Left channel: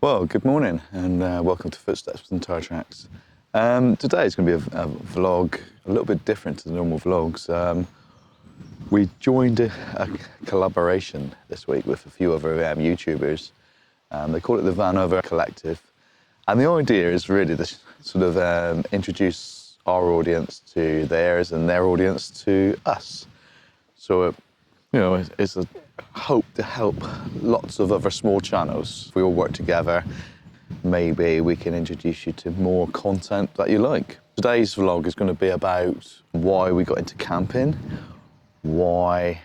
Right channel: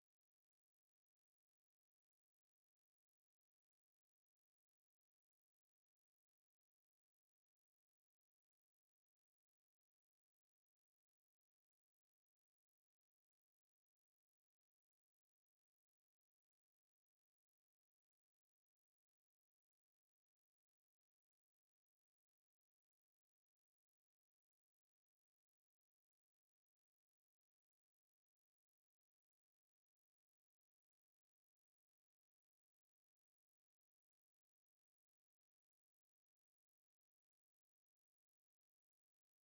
Well, good morning and welcome to Footsteps and Tire Tracks. Today is going to be a vlog a little bit different to the normal vlogs. We joined a collaboration this week with a few other YouTubers. They call it the VanOther Collective. And the idea is really to sort of introduce our audience to theirs and their audience to us. So, you know, it's a hope to help lots of other small channels. If we all work together, maybe we can introduce you to more content that you like. Today's vlog is going to be about why we got into camping, why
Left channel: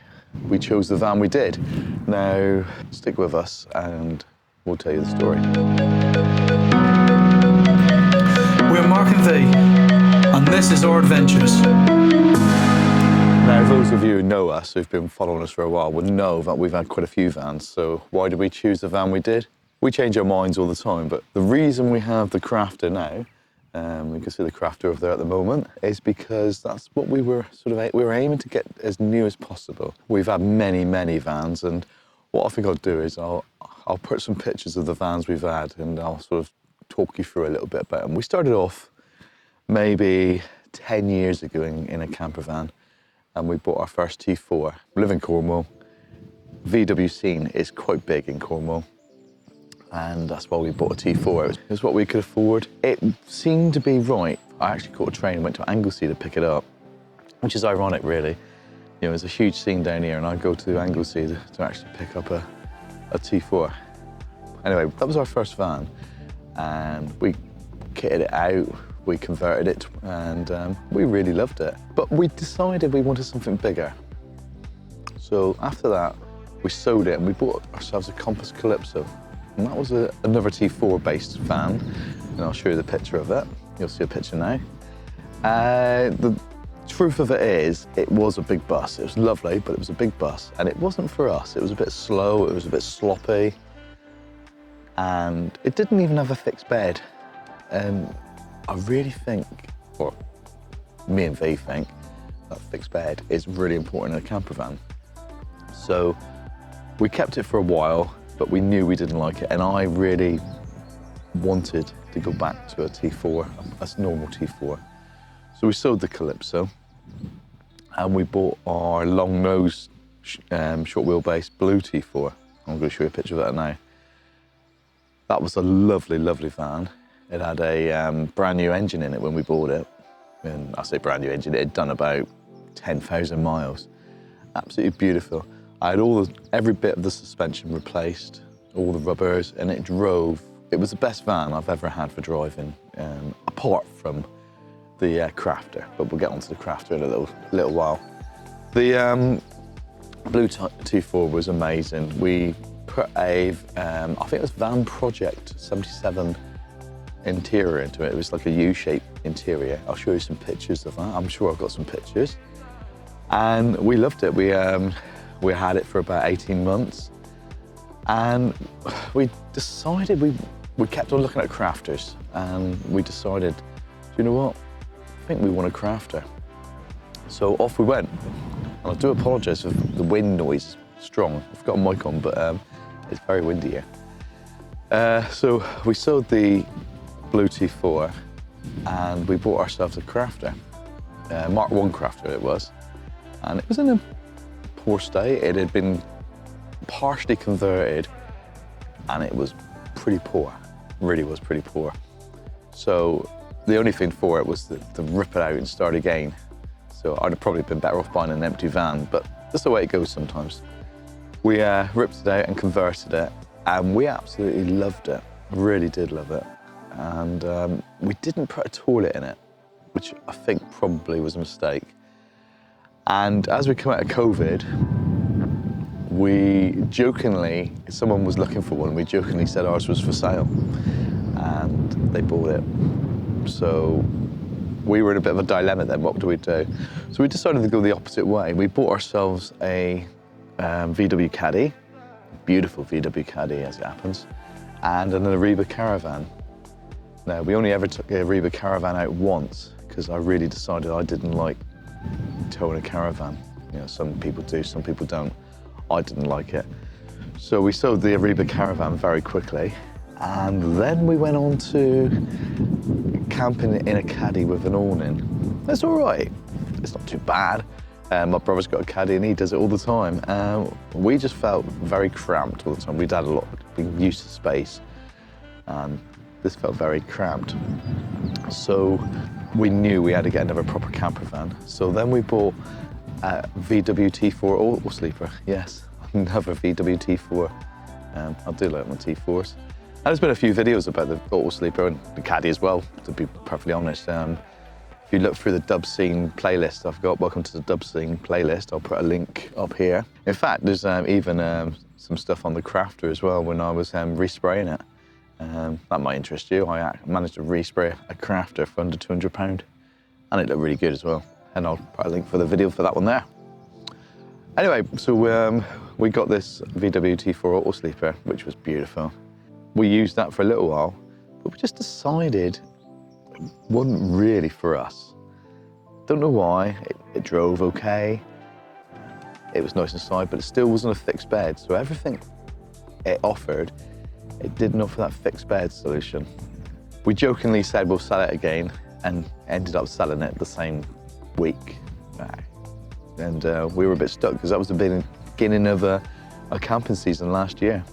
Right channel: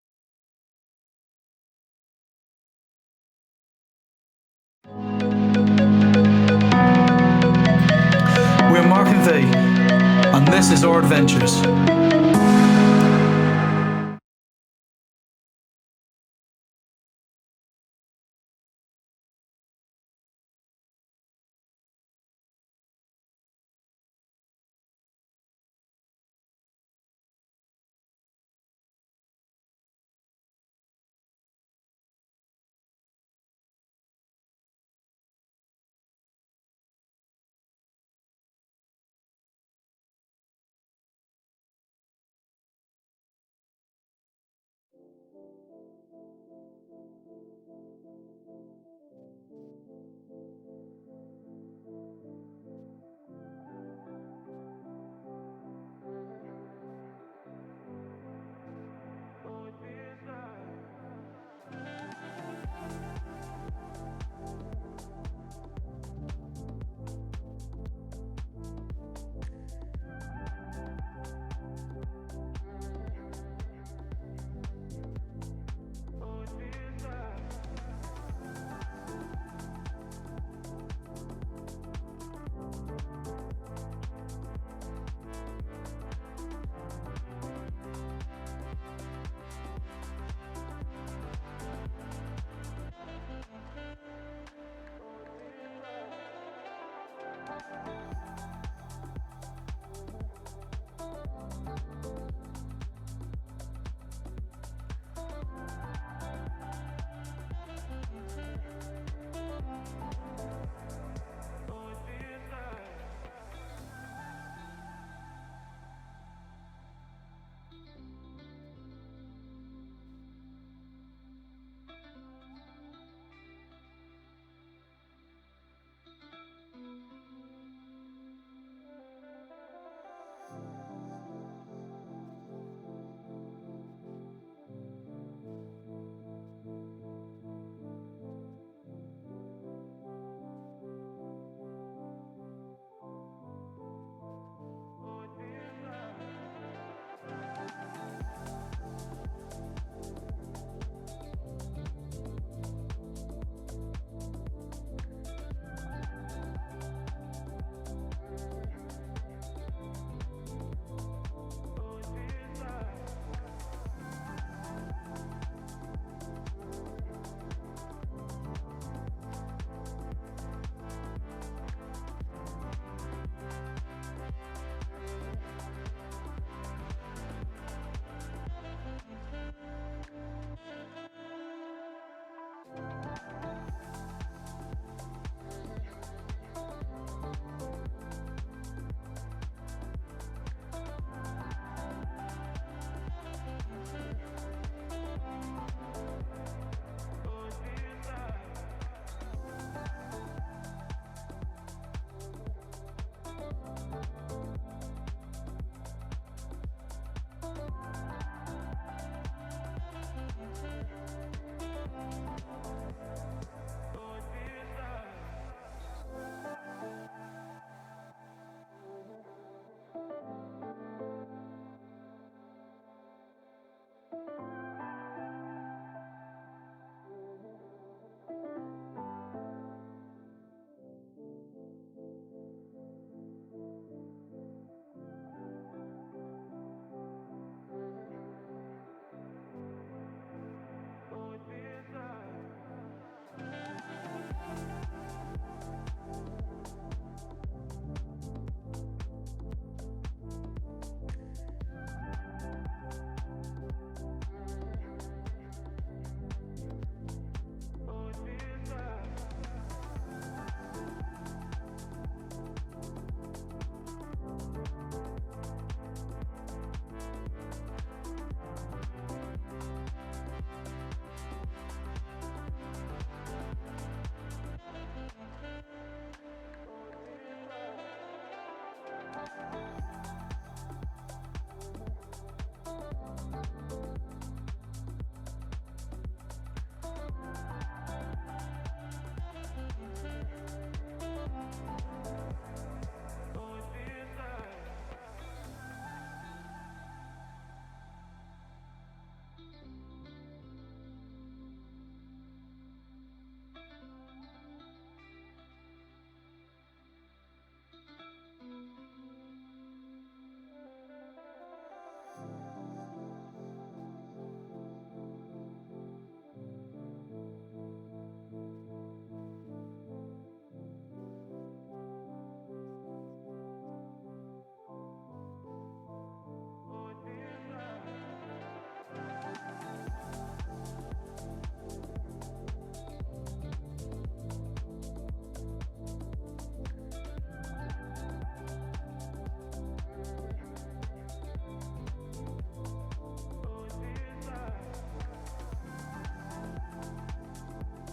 we chose the van we did. Now, stick with us and we'll tell you the story. We're Mark and V, and this is our adventures. Now, those of you who know us, who've been following us for a while, would know that we've had quite a few vans. So why did we choose the van we did? We change our minds all the time, but the reason we have the Crafter now, you can see the Crafter over there at the moment, is because that's what we were aiming to get as new as possible. We've had many, many vans, and what I think I'll do is I'll put some pictures of the vans we've had, and I'll sort of talk you through a little bit about them. We started off maybe 10 years ago in a camper van, and we bought our first T4. We live in Cornwall. VW scene is quite big in Cornwall, and that's why we bought a T4. It was what we could afford. It seemed to be right. I actually caught a train and went to Anglesey to pick it up, which is ironic, really. You know, there's a huge scene down here, and I go to Anglesey to actually pick up a T4. Anyway, that was our first van, and we kitted it out, we converted it, and we really loved it. But we decided we wanted something bigger. So after that, we sold it and we bought ourselves a Compass Calypso. And that was another T4-based van, and I'll show you the picture of it. You'll see a picture now. The truth of it is, it was a big bus. It was lovely, but it was a big bus, and it wasn't for us. It was a bit slow, it was a bit sloppy, and it didn't even have a fixed bed. And I really think, or me and V think, that fixed bed is really important in a camper van. So we kept it for a while, but we knew we didn't like it, and I really wanted to go back to a T4, a normal T4. So we sold the Calypso, and we bought our long nose, short wheelbase blue T4. I'm going to show you a picture of that now. That was a lovely, lovely van. It had a brand new engine in it when we bought it. And I say brand new engine, it had done about 10,000 miles. Absolutely beautiful. I had every bit of the suspension replaced, all the rubbers, and it drove. It was the best van I've ever had for driving, apart from the Crafter, but we'll get onto the Crafter in a little while. The blue T4 was amazing. We put I think it was Van Project 77 interior into it. It was like a U-shaped interior. I'll show you some pictures of that. I'm sure I've got some pictures. And we loved it. We had it for about 18 months. And we decided, we kept on looking at Crafters, and we decided, you know what? I think we want a Crafter. So off we went. And I do apologise for the wind noise, strong. I've got a mic on, but it's very windy here. So we sold the blue T4, and we bought ourselves a Crafter, Mark 1 Crafter it was, and it was in a poor state. It had been partially converted, and it was pretty poor, really was pretty poor. So the only thing for it was to rip it out and start again. So I'd have probably been better off buying an empty van, but that's the way it goes sometimes. We ripped it out and converted it, and we absolutely loved it, really did love it. And we didn't put a toilet in it, which I think probably was a mistake. And as we come out of COVID, we jokingly, someone was looking for one, we jokingly said ours was for sale, and they bought it. So we were in a bit of a dilemma then, what do we do? So we decided to go the opposite way. We bought ourselves a VW Caddy, beautiful VW Caddy as it happens, and an Adria Caravan. Now, we only ever took the Adria Caravan out once, because I really decided I didn't like towing a caravan. You know, some people do, some people don't. I didn't like it. So we sold the Adria Caravan very quickly, And then we went on to camping in a Caddy with an awning. It's all right. It's not too bad. My brother's got a Caddy and he does it all the time. We just felt very cramped all the time. We'd had a lot, been used to space. This felt very cramped. So we knew we had to get another proper camper van. So then we bought a VW T4 Autosleeper. Yes, another VW T4. I do like my T4s. And there's been a few videos about the Autosleeper and the Caddy as well, to be perfectly honest. If you look through the Dub Scene playlist I've got, welcome to the Dub Scene playlist, I'll put a link up here. In fact, there's even some stuff on the Crafter as well when I was respraying it. That might interest you. I managed to respray a Crafter for under £200 and it looked really good as well. And I'll put a link for the video for that one there. Anyway, so we got this VW T4 Autosleeper, which was beautiful. We used that for a little while, but we just decided it wasn't really for us. Don't know why. It drove okay. It was nice inside, but it still wasn't a fixed bed. So everything it offered, it didn't offer that fixed bed solution. We jokingly said we'll sell it again and ended up selling it the same week. And we were a bit stuck because that was the beginning of a camping season last year.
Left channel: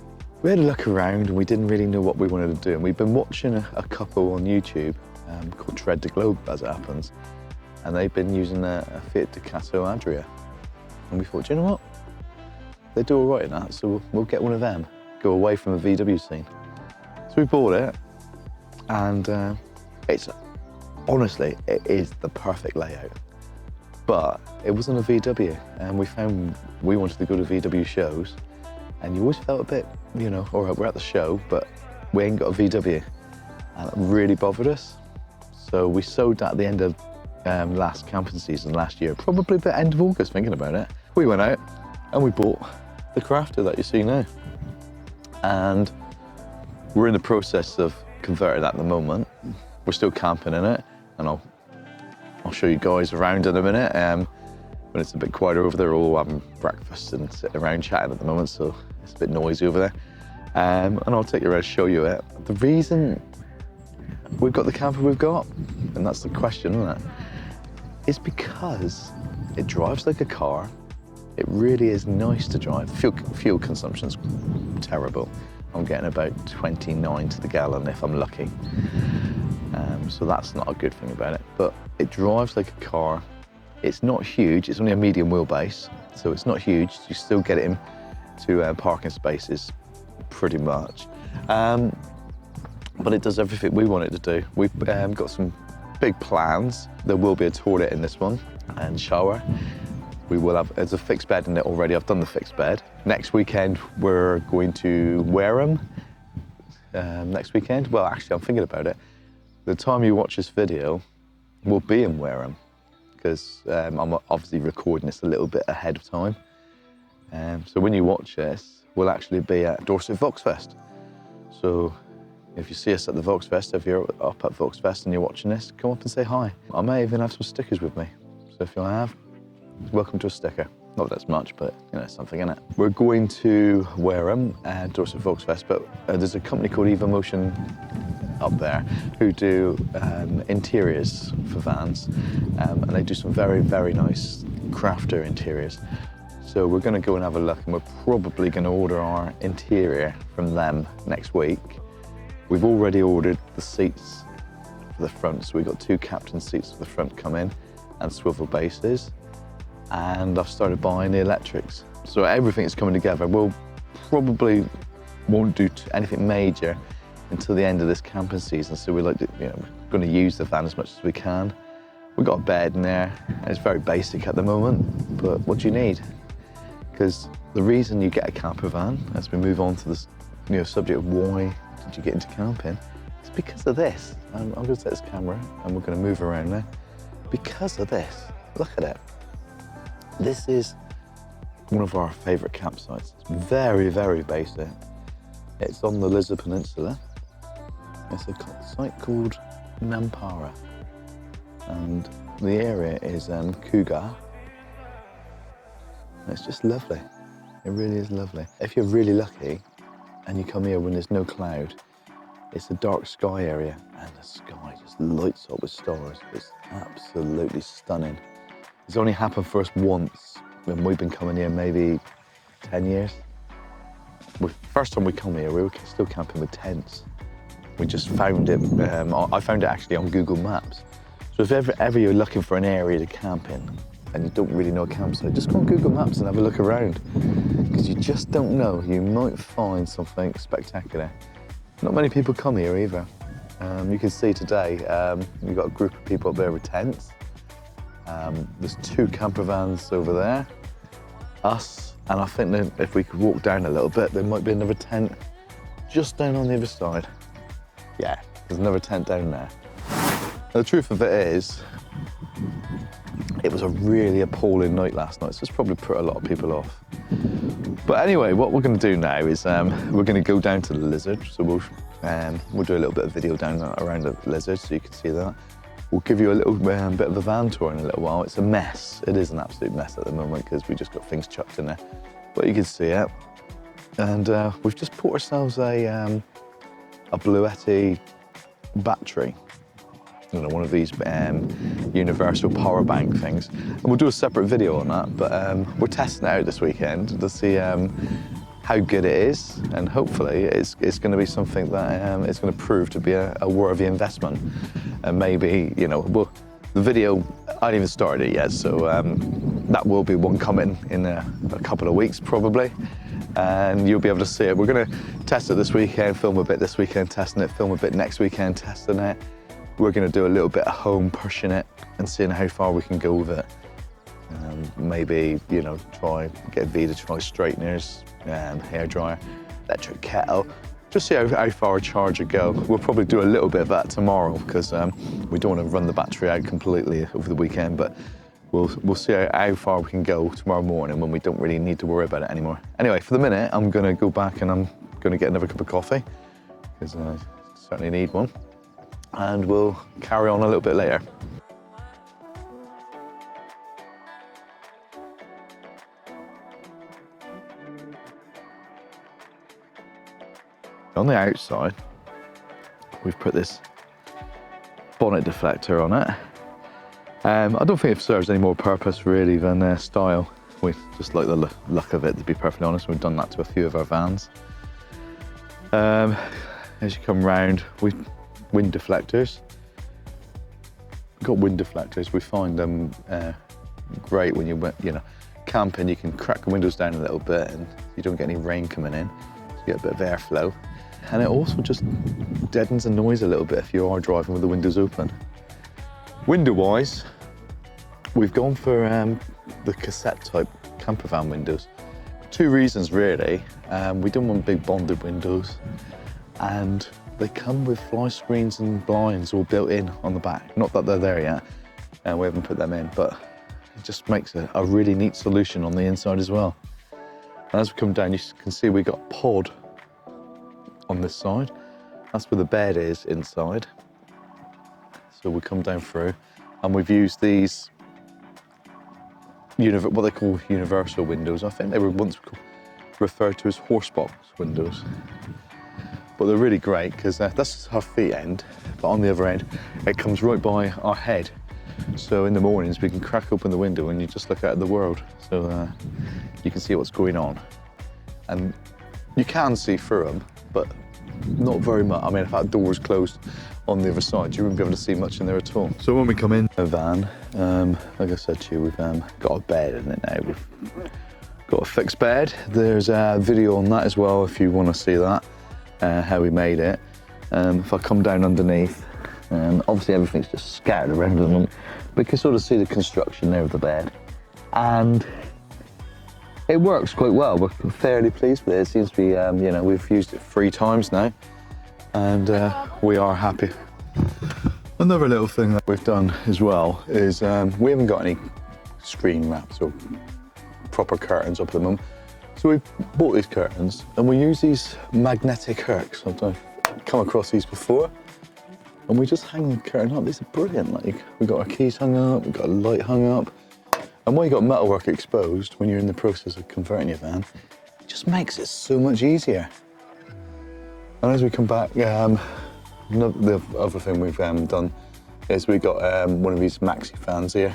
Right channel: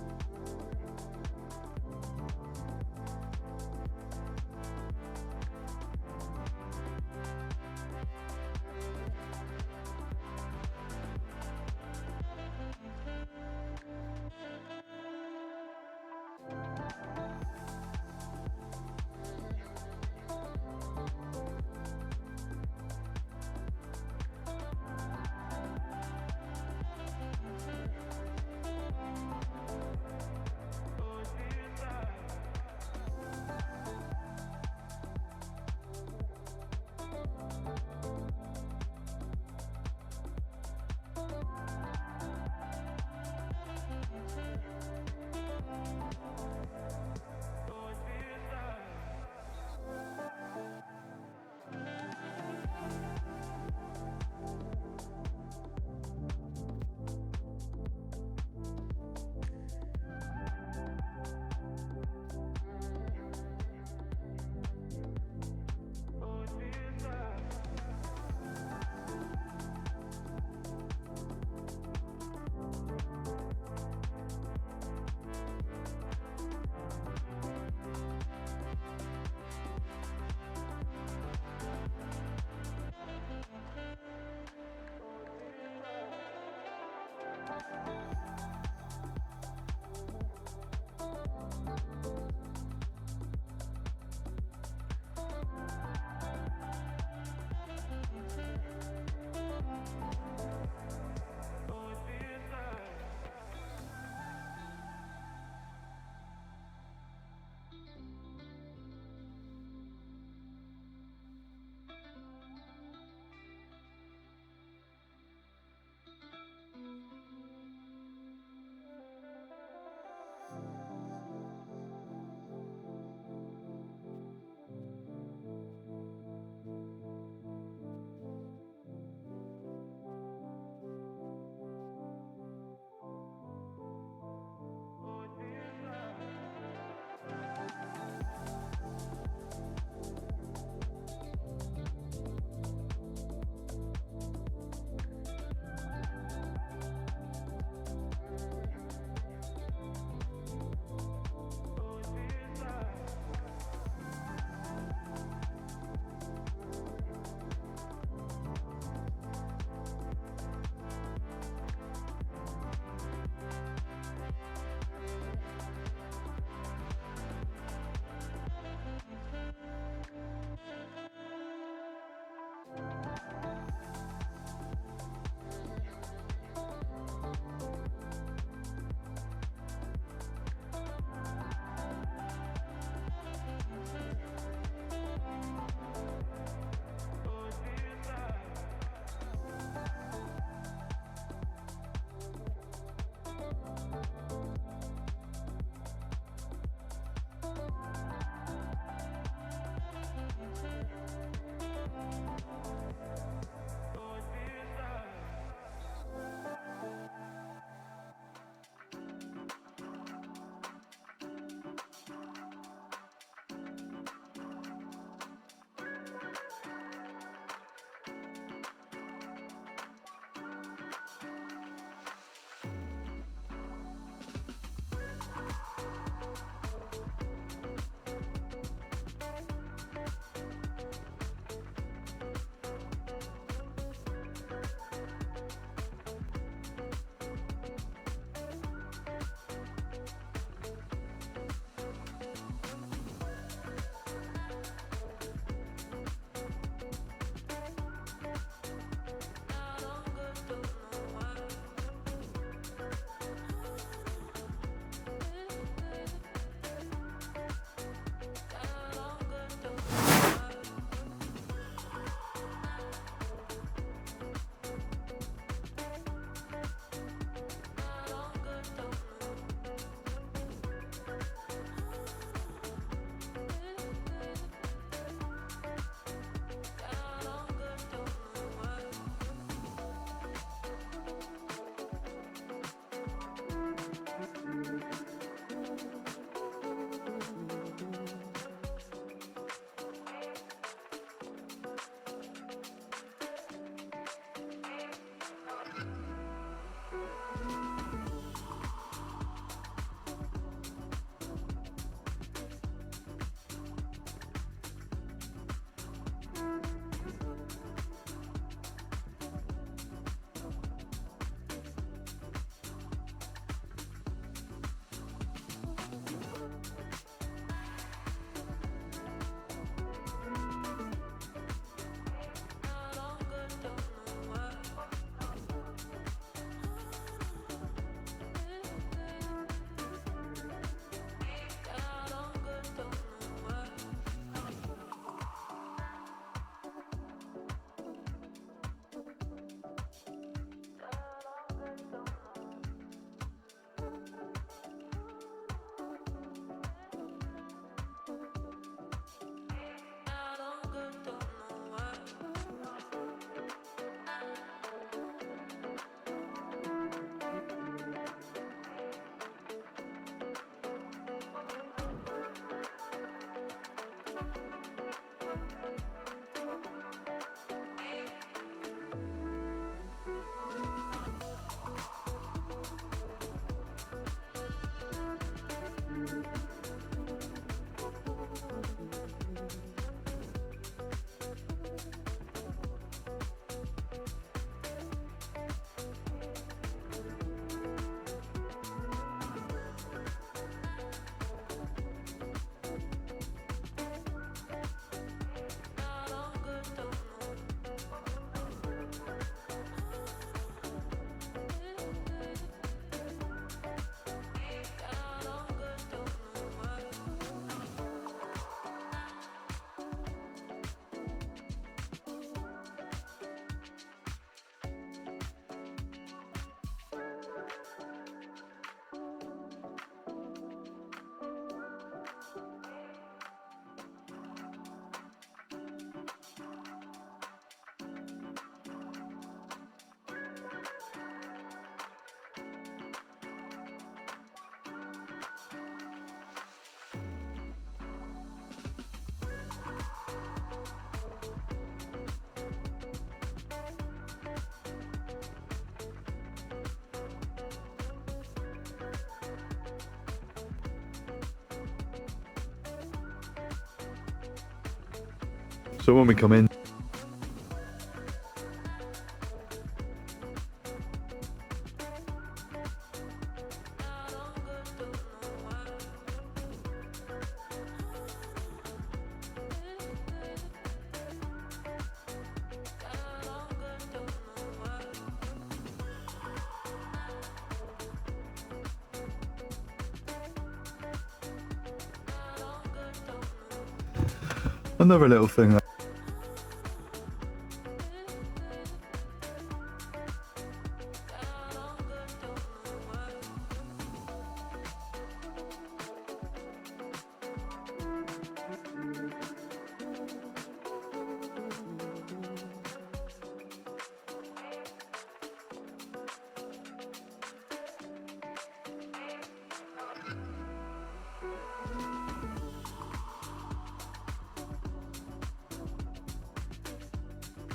We had a look around and we didn't really know what we wanted to do. And we've been watching a couple on YouTube called Tread the Globe, as it happens. And they've been using a Fiat Ducato Adria. And we thought, do you know what? They do all right in that, so we'll get one of them, go away from the VW scene. So we bought it, and honestly, it is the perfect layout. But it wasn't a VW, and we found we wanted to go to VW shows, and you always felt a bit, you know, all right, we're at the show, but we ain't got a VW. And it really bothered us. So we sold that at the end of last camping season last year, probably the end of August, thinking about it. We went out and we bought the Crafter that you see now. And we're in the process of converting that at the moment. We're still camping in it, and I'll show you guys around in a minute. When it's a bit quieter over there, we're all having breakfast and sitting around chatting at the moment, so it's a bit noisy over there. And I'll take you around and show you it. The reason we've got the camper we've got, and that's the question, isn't it? It's because it drives like a car. It really is nice to drive. Fuel consumption's terrible. I'm getting about 29 to the gallon if I'm lucky. So that's not a good thing about it. But it drives like a car. It's not huge. It's only a medium wheelbase, so it's not huge. You still get it into parking spaces pretty much. But it does everything we want it to do. We've got some big plans. There will be a toilet in this one and shower. We will have, there's a fixed bed in it already. I've done the fixed bed. Next weekend, we're going to Wareham. Next weekend? Well, actually, I'm thinking about it. The time you watch this video, we'll be in Wareham because I'm obviously recording this a little bit ahead of time. So when you watch this, we'll actually be at Dorset Voxfest. So if you see us at the Voxfest, if you're up at Voxfest and you're watching this, come up and say hi. I may even have some stickers with me. So if you have, welcome to a sticker. Not that much, but you know, something in it. We're going to Wareham at Dorset Voxfest, but there's a company called Evomotion up there who do interiors for vans, and they do some very, very nice crafter interiors. So we're going to go and have a look, and we're probably going to order our interior from them next week. We've already ordered the seats for the front, so we've got 2 captain seats for the front come in and swivel bases, and I've started buying the electrics. So everything's coming together. We'll probably won't do anything major until the end of this camping season, so we're like, you know, we're going to use the van as much as we can. We've got a bed in there. It's very basic at the moment, but what do you need? Because the reason you get a camper van, as we move on to this subject of why did you get into camping, it's because of this. I'm going to set this camera and we're going to move around now. Because of this, look at it. This is one of our favourite campsites. It's very, very basic. It's on the Lizard Peninsula. It's a site called Nampara, and the area is Cougar. It's just lovely. It really is lovely. If you're really lucky and you come here when there's no cloud, It's a dark sky area, and the sky just lights up with stars. It's absolutely stunning. It's only happened for us once, when we've been coming here maybe 10 years. First time we come here, we were still camping with tents. We just found it, I found it actually on Google Maps. So if ever you're looking for an area to camp in and you don't really know a campsite, just go on Google Maps and have a look around. Because you just don't know, you might find something spectacular. Not many people come here either. You can see today, we've got a group of people up there with tents. There's 2 camper vans over there, us, and I think that if we could walk down a little bit, there might be another tent just down on the other side. Yeah, there's another tent down there. Now, the truth of it is, it was a really appalling night last night, so it's probably put a lot of people off. But anyway, what we're going to do now is we're going to go down to the Lizard, so we'll do a little bit of video down around the Lizard so you can see that. We'll give you a little bit of a van tour in a little while. It's a mess. It is an absolute mess at the moment because we just got things chucked in there. But you can see it. And we've just bought ourselves a Bluetti battery. You know, one of these universal power bank things. And we'll do a separate video on that, but we're testing it out this weekend to see how good it is, and hopefully it's going to be something that it's going to prove to be a worthy investment. And maybe, you know, the video, I haven't even started it yet, so that will be one coming in a couple of weeks probably, and you'll be able to see it. We're going to test it this weekend, film a bit this weekend testing it, film a bit next weekend testing it. We're going to do a little bit at home pushing it and seeing how far we can go with it. Maybe, you know, get V to try straighteners, hairdryer, electric kettle, just see how far a charger go. We'll probably do a little bit of that tomorrow because we don't want to run the battery out completely over the weekend, but we'll see how far we can go tomorrow morning when we don't really need to worry about it anymore. Anyway, for the minute, I'm going to go back and I'm going to get another cup of coffee because I certainly need one. And we'll carry on a little bit later. On the outside, we've put this bonnet deflector on it. I don't think it serves any more purpose really than style. We just like the look of it, to be perfectly honest. We've done that to a few of our vans. As you come round, wind deflectors. We've got wind deflectors. We find them great when you camping. You can crack the windows down a little bit and you don't get any rain coming in. So you get a bit of airflow. And it also just deadens the noise a little bit if you are driving with the windows open. Window-wise, we've gone for the cassette type camper van windows. 2 reasons really. We don't want big bonded windows, and they come with fly screens and blinds all built in on the back. Not that they're there yet, and we haven't put them in, but it just makes a really neat solution on the inside as well. And as we come down, you can see we got pod on this side. That's where the bed is inside. So we come down through, and we've used these, what they call universal windows. I think they were once referred to as horsebox windows. But they're really great because that's our feet end, but on the other end, it comes right by our head. So in the mornings, we can crack open the window and you just look out at the world. So you can see what's going on. And you can see through them, but not very much. I mean, if that door was closed on the other side, you wouldn't be able to see much in there at all. So when we come in a van, like I said to you, we've got a bed in it now. We've got a fixed bed. There's a video on that as well if you want to see that, how we made it. If I come down underneath, obviously everything's just scattered around at the moment, but you can sort of see the construction there of the bed. And it works quite well. We're fairly pleased with it. It seems to be, you know, we've used it 3 times now, and we are happy. Another little thing that we've done as well is we haven't got any screen mats or proper curtains up at the moment. So we bought these curtains and we use these magnetic hooks. I've come across these before. And we just hang the curtain up. These are brilliant. Like, we've got our keys hung up, we've got a light hung up. And when you've got metalwork exposed, when you're in the process of converting your van, it just makes it so much easier. And as we come back, The other thing we've done is we got one of these maxi fans here,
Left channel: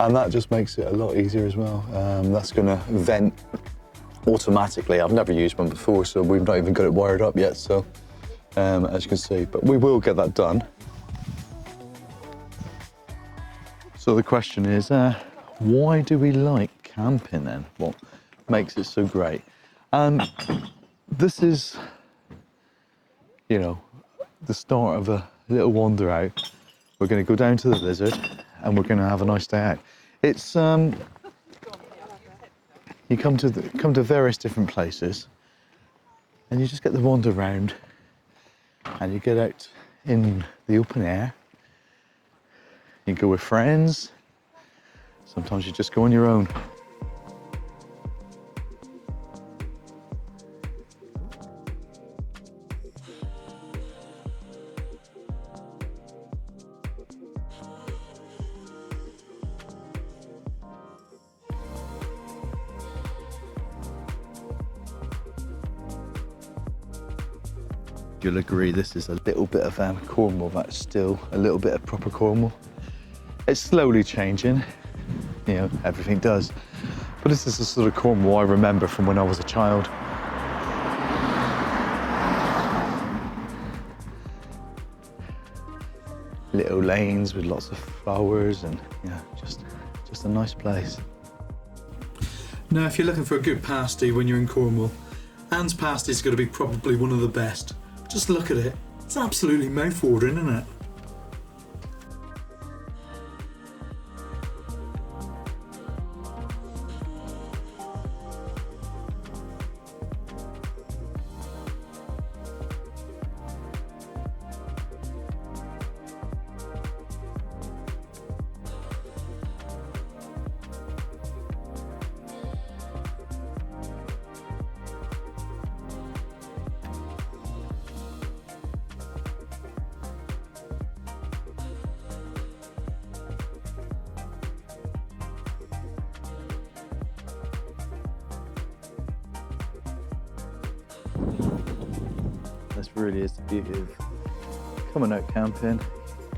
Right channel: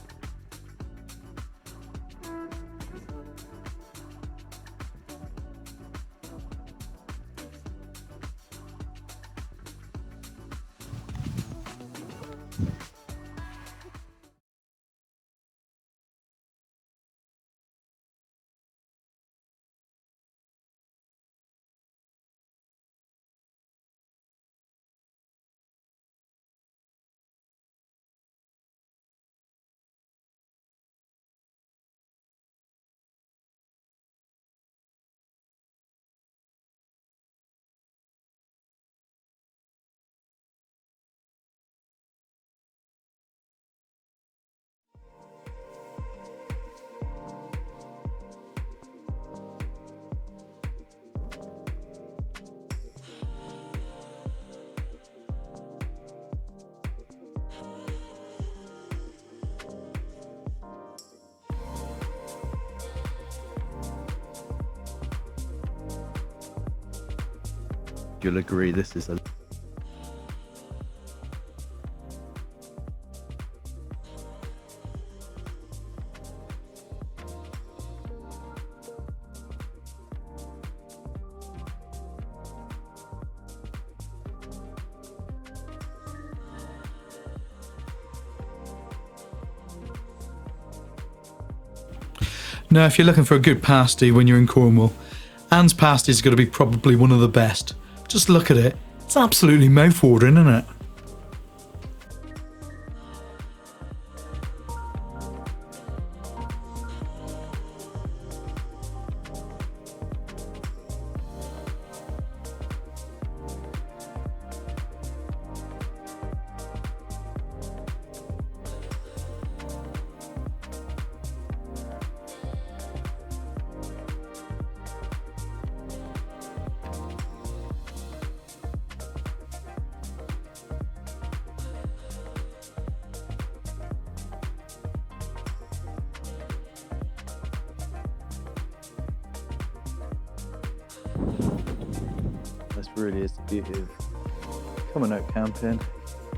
and that just makes it a lot easier as well. That's going to vent automatically. I've never used one before, so we've not even got it wired up yet, so as you can see, but we will get that done. So the question is, why do we like camping then? What makes it so great? And this is, you know, the start of a little wander out. We're going to go down to the Lizard and we're going to have a nice day out. It's you come to various different places and you just get the wander around and you get out in the open air. You go with friends. Sometimes you just go on your own. You'll agree this is a little bit of Cornwall. That's still a little bit of proper Cornwall. It's slowly changing, you know, everything does. But this is the sort of Cornwall I remember from when I was a child. Little lanes with lots of flowers and, you know, just a nice place. Now, if you're looking for a good pasty when you're in Cornwall, Anne's pasty is going to be probably one of the best. Just look at it. It's absolutely mouth-watering, isn't it? This really is the beauty of coming out camping,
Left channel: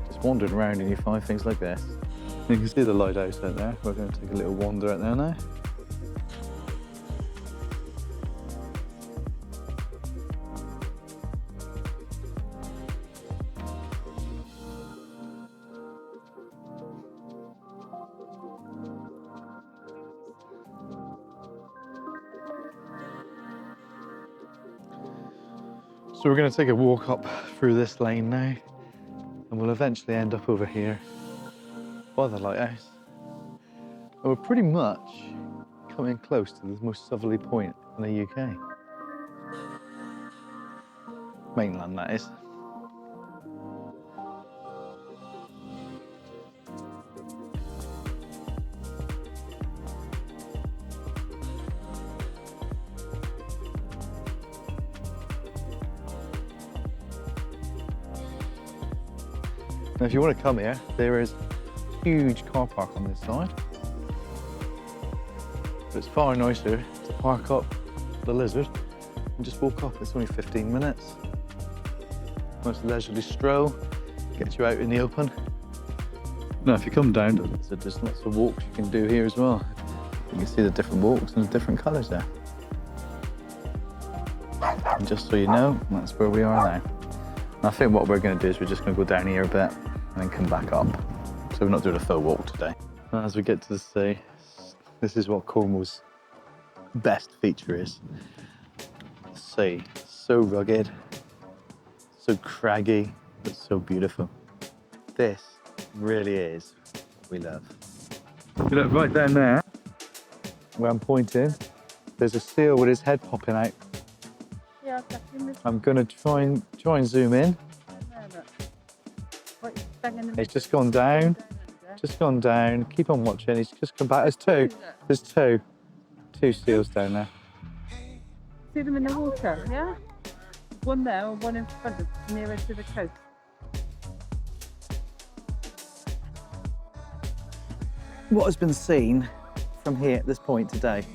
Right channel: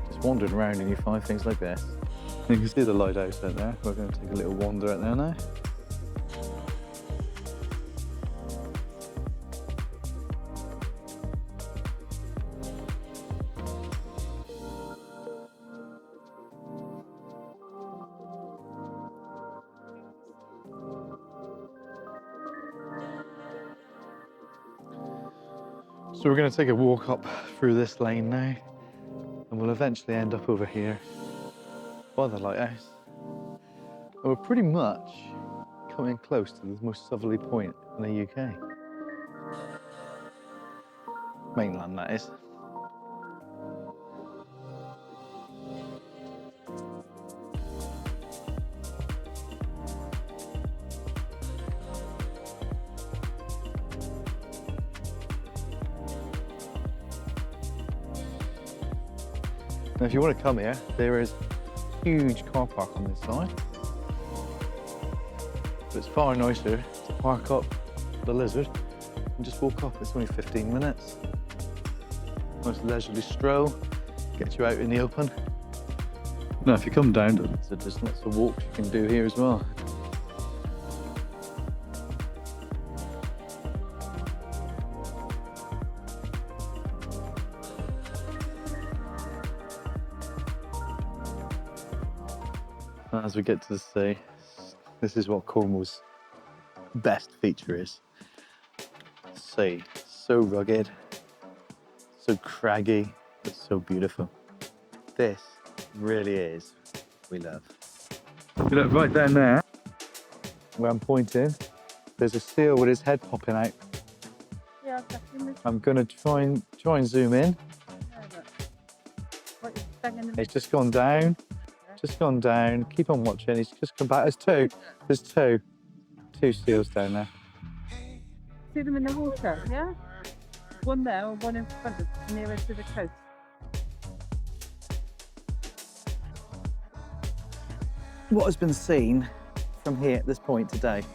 just wandering around and you find things like this. You can see the lighthouse out there. We're going to take a little wander out there now. So we're going to take a walk up through this lane now, and we'll eventually end up over here by the lighthouse. And we're pretty much coming close to the most southerly point in the UK. Mainland, that is. Now, if you want to come here, there is a huge car park on this side. But it's far nicer to park up the Lizard and just walk up. It's only 15 minutes. Nice leisurely stroll, gets you out in the open. Now, if you come down to the Lizard, there's lots of walks you can do here as well. You can see the different walks and the different colours there. And just so you know, that's where we are now. And I think what we're going to do is we're just going to go down here a bit and then come back up. So we're not doing a full walk today. And as we get to the sea, this is what Cornwall's best feature is. The sea, so rugged, so craggy, but so beautiful. This really is what we love. You look right down there, where I'm pointing, there's a seal with his head popping out. I'm going to try and zoom in. He's just gone down, keep on watching, he's just come back. There's two seals down there. See them in the water, yeah? One there or one in front of nearer to the coast. What has been seen from here at this point today?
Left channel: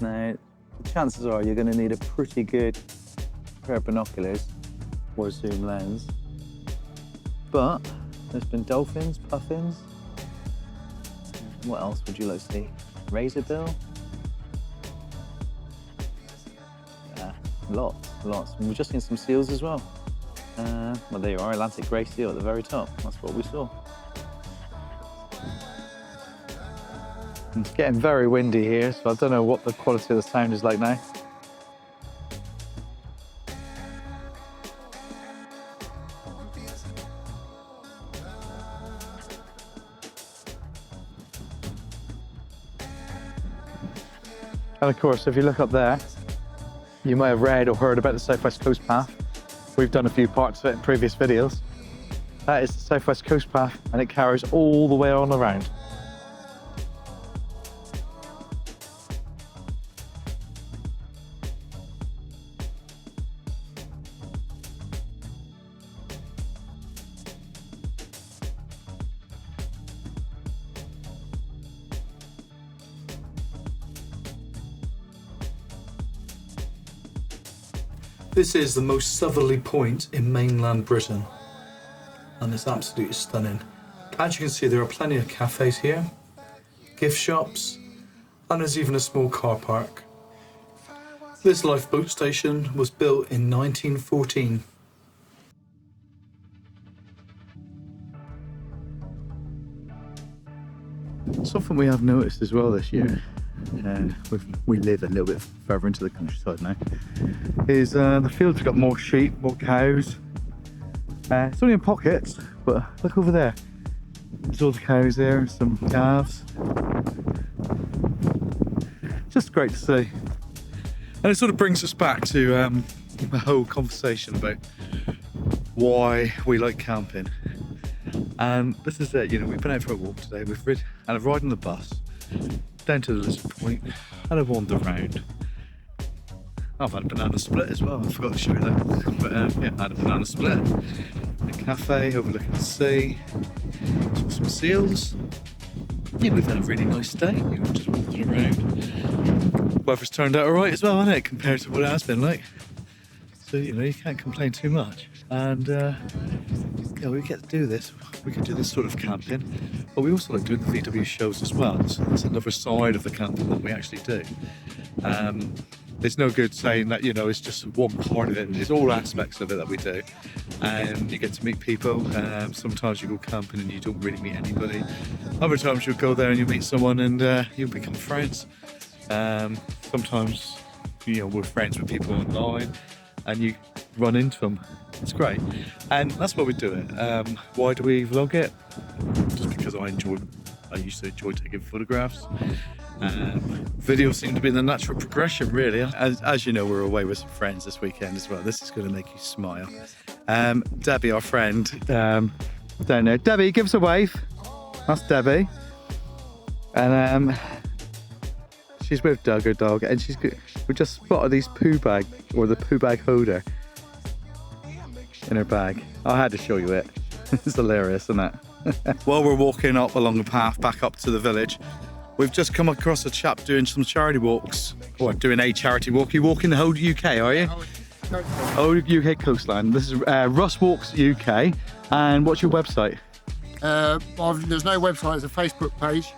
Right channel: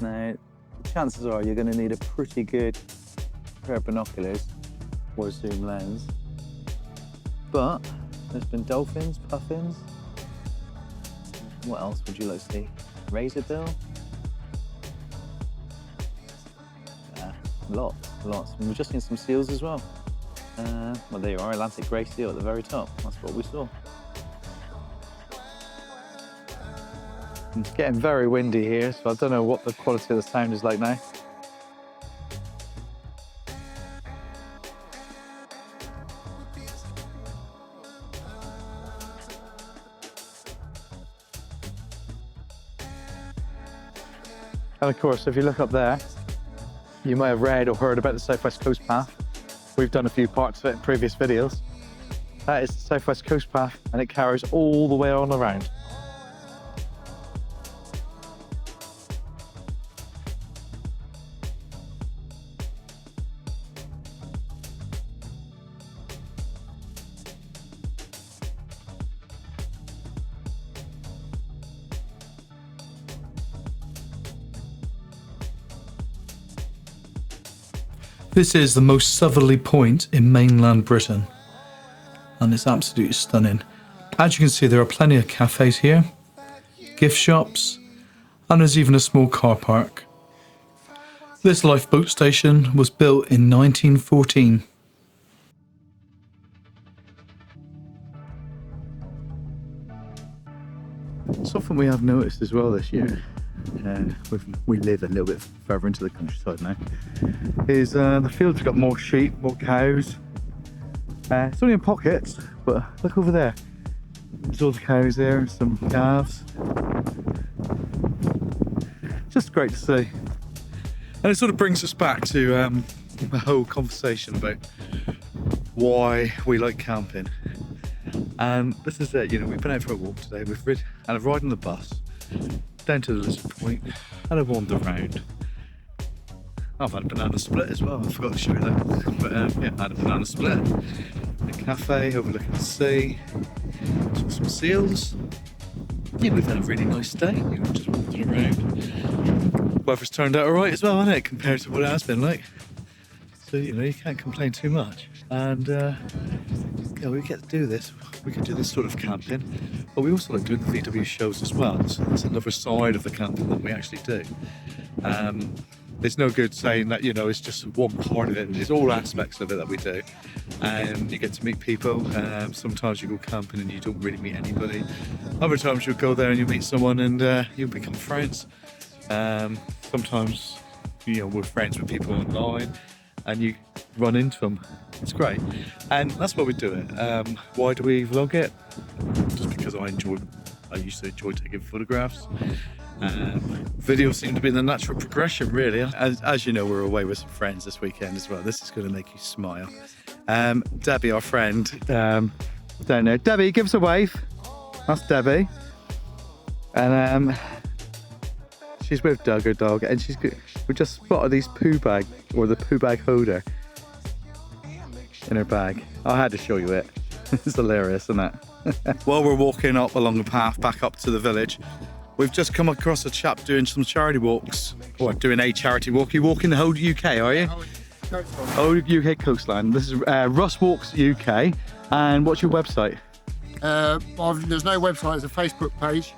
Now, the chances are you're going to need a pretty good pair of binoculars or zoom lens. But there's been dolphins, puffins. What else would you like to see? Razorbill? Yeah, lots. And we've just seen some seals as well. Well, there you are, Atlantic grey seal at the very top. That's what we saw. And it's getting very windy here, so I don't know what the quality of the sound is like now. And of course, if you look up there, you might have read or heard about the Southwest Coast Path. We've done a few parts of it in previous videos. That is the Southwest Coast Path, and it carries all the way on around. This is the most southerly point in mainland Britain, and it's absolutely stunning. As you can see, there are plenty of cafes here, gift shops, and there's even a small car park. This lifeboat station was built in 1914. Something we have noticed as well this year, we live a little bit further into the countryside now, is the fields have got more sheep, more cows. It's only in pockets, but look over there. There's all the cows there, some calves. Just great to see. And it sort of brings us back to the whole conversation about why we like camping. And this is it, you know, we've been out for a walk today, we've had a ride on the bus, down to the Lizard Point, had a wander around. I've had a banana split as well, I forgot to show you that. But yeah, I had a banana split. A cafe overlooking the sea, saw some seals. Yeah, we've had a really nice day, you know, just walking around. Weather's turned out alright as well, hasn't it, compared to what it has been like. So, you know, you can't complain too much. And yeah, we get to do this. We can do this sort of camping, but we also like doing the VW shows as well. So that's another side of the camping that we actually do. There's no good saying that, you know, it's just one part of it. It's all aspects of it that we do. And you get to meet people. Sometimes you go camping and you don't really meet anybody. Other times you'll go there and you meet someone and you'll become friends. Sometimes, you know, we're friends with people online and you run into them. It's great. And that's why we do it. Why do we vlog it? Just because I used to enjoy taking photographs. Videos seem to be the natural progression, really. As you know, we're away with some friends this weekend as well. This is going to make you smile. Debbie, our friend, down there. Debbie, give us a wave. That's Debbie. And she's with Doug, her dog, and we just spotted these poo bag, or the poo bag holder in her bag. I had to show you it. It's hilarious, isn't it? While we're walking up along the path back up to the village, we've just come across a chap doing some charity walks, or doing a charity walk. You walking the whole UK, are you? Oh, UK coastline. This is Russ Walks UK. And what's your website? Well, there's no website, it's a Facebook page.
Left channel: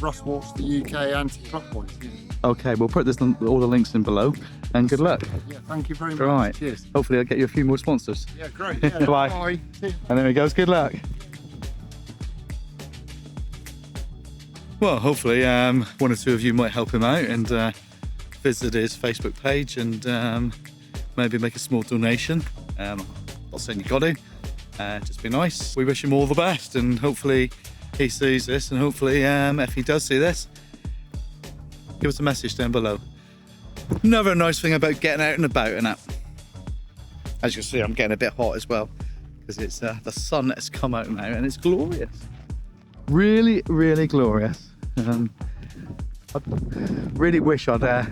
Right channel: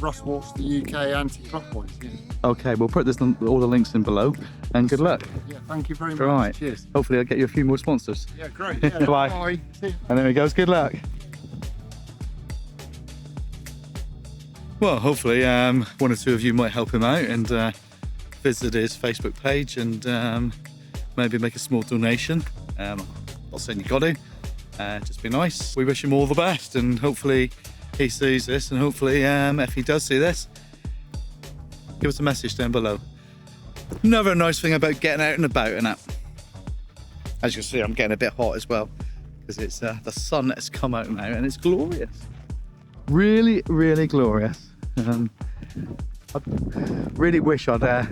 Russ Walks the UK anti-clockwise. Yeah. Okay, we'll put all the links in below, and good luck. Yeah, thank you very much. Right. Cheers. Hopefully I'll get you a few more sponsors. Yeah, great. Yeah, Bye. bye. See you. And there he goes, good luck. Well, hopefully one or two of you might help him out and visit his Facebook page and maybe make a small donation. Not saying you got to, just be nice. We wish him all the best, and hopefully he sees this, and hopefully if he does see this, give us a message down below. Another nice thing about getting out and about and that. As you see, I'm getting a bit hot as well because it's the sun has come out now and it's glorious. Really, really glorious. I really wish I'd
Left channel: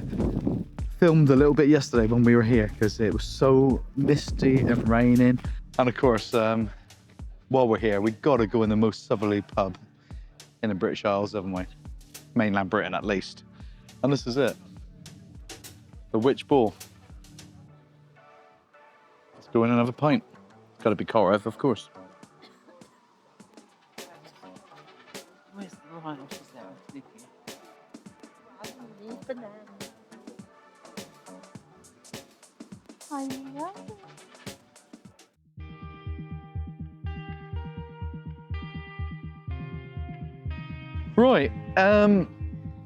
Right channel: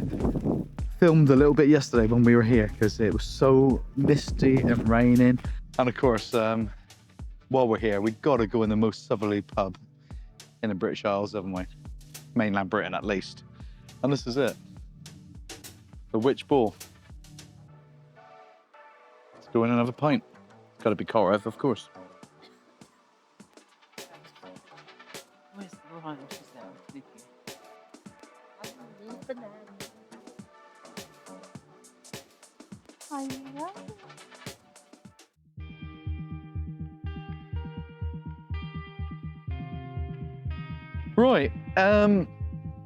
filmed a little bit yesterday when we were here because it was so misty and raining. And of course, while we're here, we've got to go in the Most Southerly Pub in the British Isles, haven't we? Mainland Britain, at least. And this is it. The Witch Ball. It's go in and have a pint. It's got to be Carav, of course. Where's the line? Oh, she's there. Thank you. Right,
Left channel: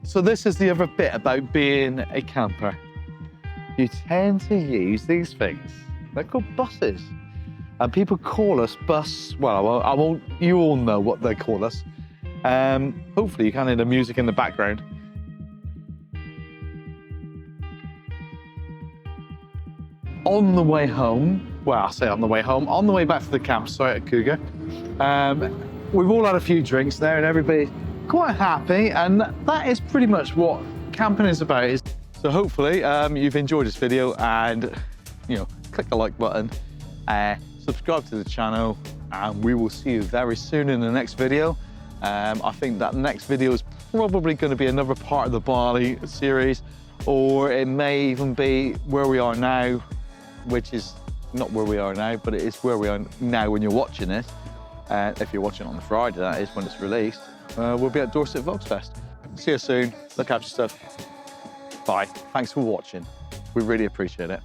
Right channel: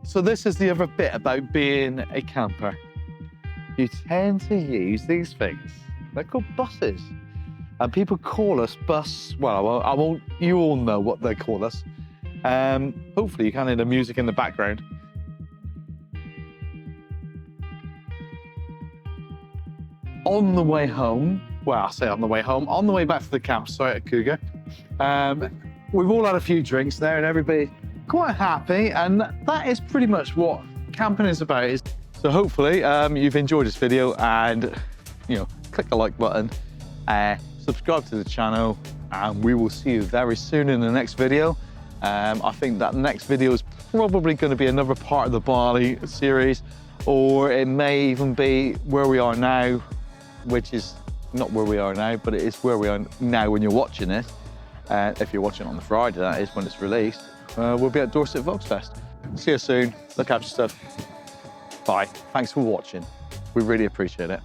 so this is the other bit about being a camper. You tend to use these things. They're called buses. And people call us bus, well, I won't, you all know what they call us. Hopefully you can hear the music in the background. On the way home, well, I say on the way home, on the way back to the campsite at Cougar, we've all had a few drinks there and everybody's quite happy, and that is pretty much what camping is about. So hopefully you've enjoyed this video, and you know, click the like button, subscribe to the channel, and we will see you very soon in the next video. I think that next video is probably going to be another part of the Bali series, or it may even be where we are now, which is not where we are now, but it is where we are now when you're watching it. If you're watching it on the Friday, that is when it's released. We'll be at Dorset Volksfest. See you soon. Look after yourself. Bye. Thanks for watching. We really appreciate it.